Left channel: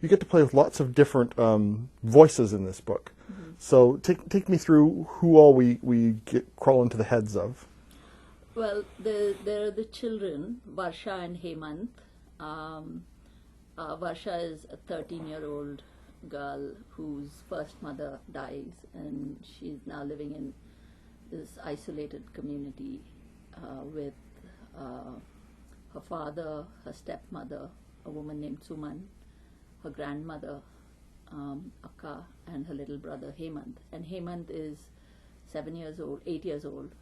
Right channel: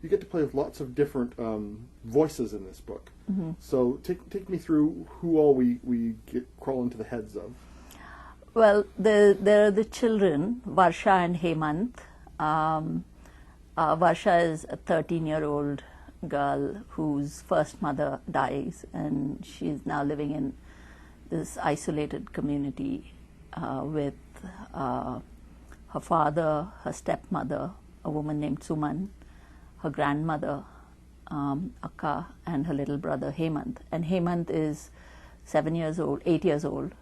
You get to play with lots of different voices in this book. So take me through who all we crawl into the heads of. Well, there are the children, Varsha and Hemant. Varsha is a 13-year-old girl whose first mother dies, and she's now living in this isolated community with her father, her stepmother, a woman named Suman, her grandmother, Akka, and her little brother Hemant. And Hemant is 8 years old.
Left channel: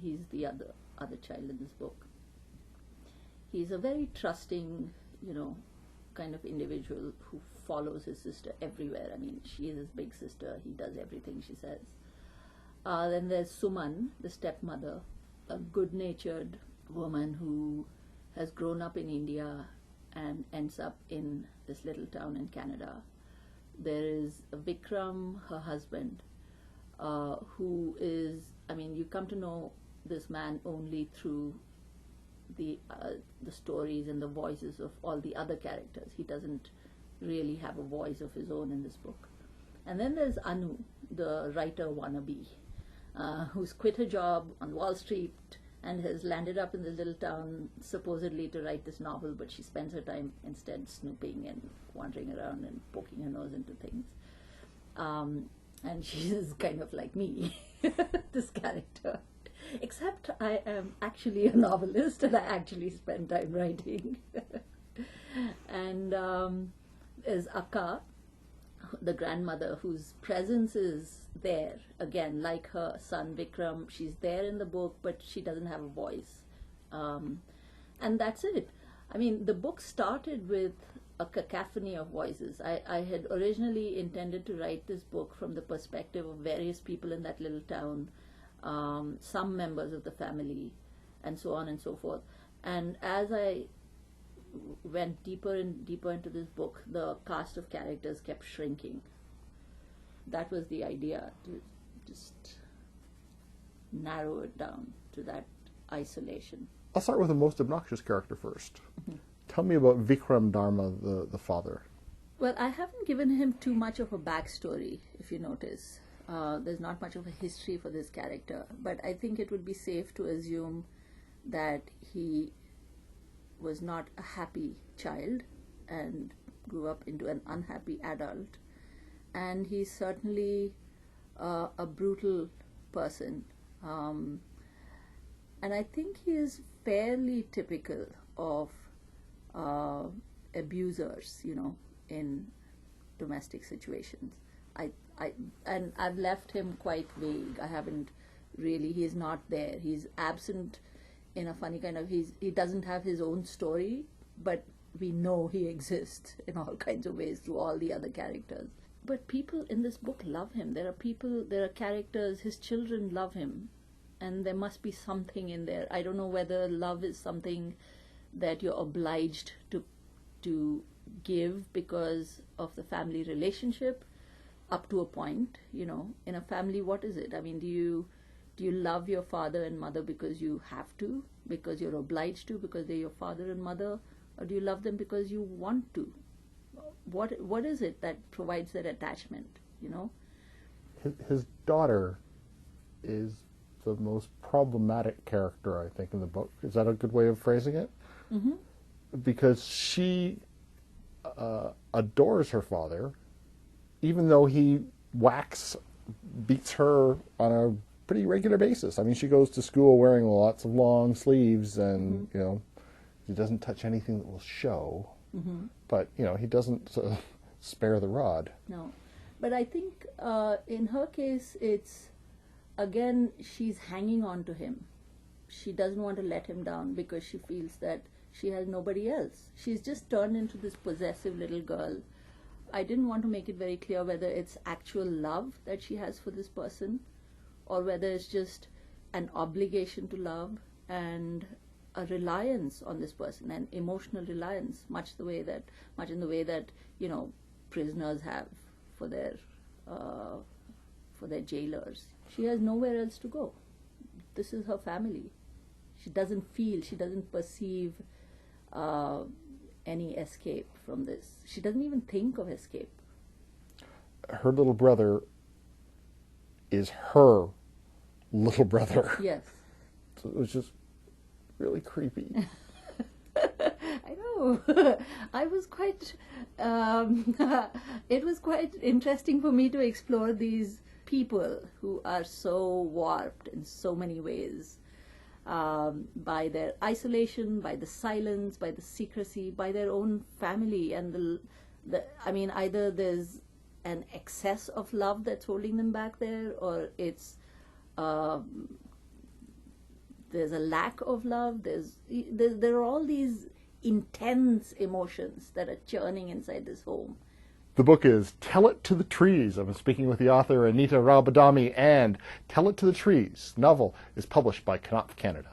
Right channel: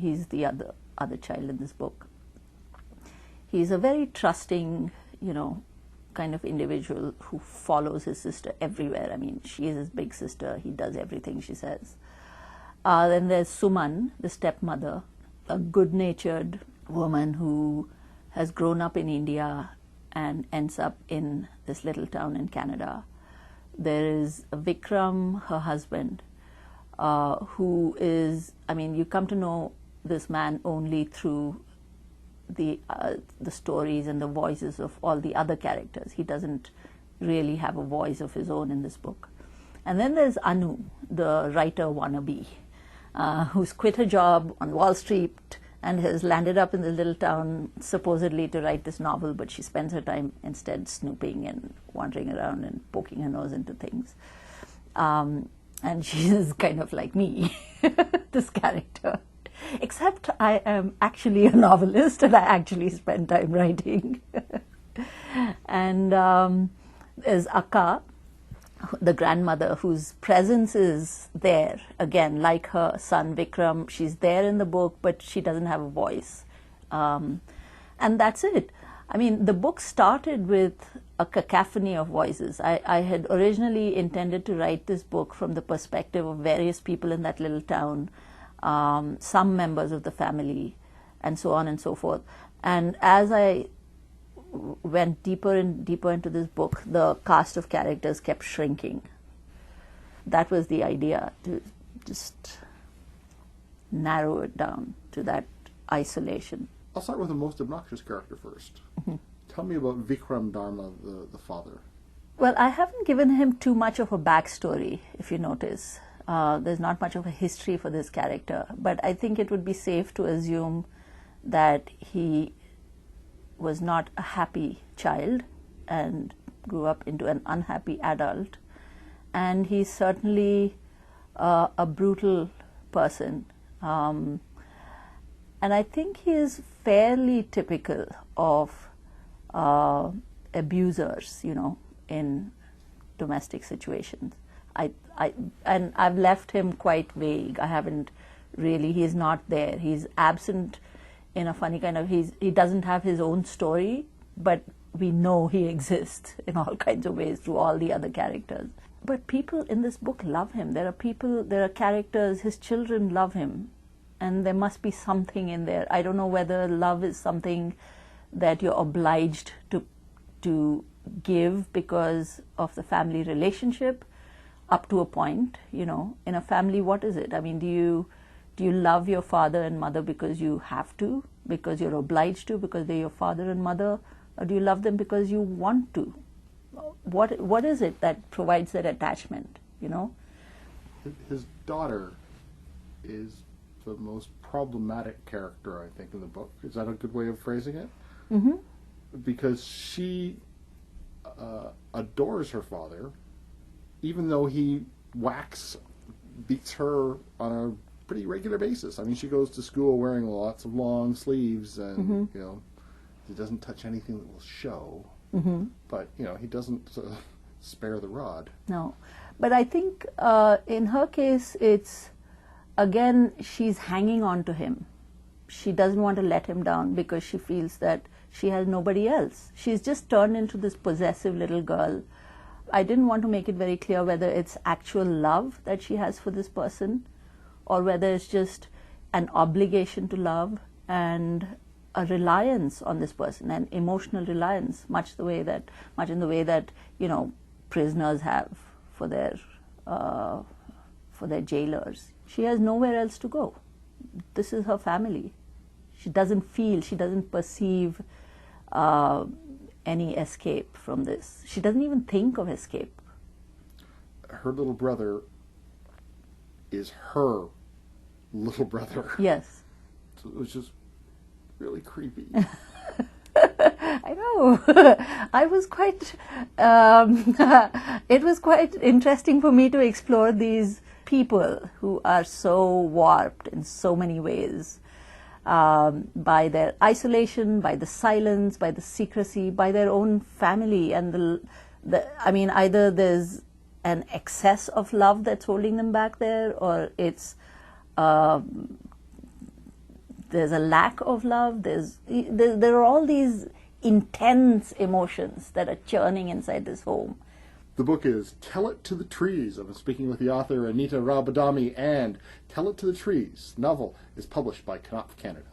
He's the other child in this book. He's a very trusting, kind of individual who follows his sister everywhere. I mean, she is his big sister. He does everything she says. Then there's Suman, the stepmother, a good-natured woman who has grown up in India and ends up in this little town in Canada. There is Vikram, her husband, who is, you come to know this man only through the stories and the voices of all the other characters. He doesn't really have a voice of his own in this book. And then there's Anu, the writer wannabe, who's quit her job on Wall Street and has landed up in the little town supposedly to write this novel, but she spends her time instead snooping and wandering around and poking her nose into things. And she's kind of like me, this character. Except I am actually a novelist and I actually spend time writing. And there's Akka, the grandmother, whose presence is there, again, like her son Vikram. She's there in the book, but she doesn't have a voice. And that's it. The book started with a cacophony of voices. I had originally intended to write this book from the perspective of various people in that little town, some members of the family, and so on and so forth. And as I went deeper and deeper into this book, the cast of characters kept shrinking. That was the idea, to just narrow it down to that isolation. I'll start with the most obnoxious character first. Tell me about Vikram Dharma, the father. Well, I haven't given him too much of a backstory, if you notice. There's not much of a history for this character, but I think it would be safe to assume that he was not a happy child and grew up into an unhappy adult, and he's certainly a brutal person, and I think he is fairly typical of abusers, in domestic situations. And I've left him quite vague. I haven't really, he's not there. He's absent in a funny kind of, he doesn't have his own story, but we know he exists in all kinds of ways through all the other characters. But people in this book love him. There are characters, his children love him, and there must be something in there. I don't know whether love is something that you're obliged to give because of the family relationship, up to a point. In a family, what is it? Do you love your father and mother because you have to, because you're obliged to, because they're your father and mother, or do you love them because you want to? What is it that provides that attachment? His daughter is the most problematic character, I think, in the book. Is that a good way of phrasing it? Mm-hmm. Because she adores her father, even though he beats her on a pretty regular basis. She goes to school wearing lots of long sleeves, and he doesn't touch anything that will show. Mm-hmm. But he doesn't spare the rod. No, but I think in her case, it's again, she's hanging on to him. She doesn't want to let him down because she feels that she has nobody else. She's just turned into this possessive little girl. I didn't want to make it very clear whether it's actual love that she has for this person, or whether it's just an obligation to love and a reliance on this person, an emotional reliance, much in the way that prisoners have for their jailers. She has nowhere else to go. This is her family. She doesn't perceive any escape from this. She doesn't even think of escape. Her little brother is her little brother. Yes. So it was just really creepy. I know. I was quite. It was quite interesting for me to explore these people who are so warped in so many ways, by their isolation, by the silence, by the secrecy, by their own family, and either there's an excess of love that's holding them back there, or it's there's a lack of love. There are all these intense emotions that are churning inside this home. The book is Tell It to the Trees. I've been speaking with the author Anita Rau Badami, and Tell It to the Trees novel is published by Knopf Canada.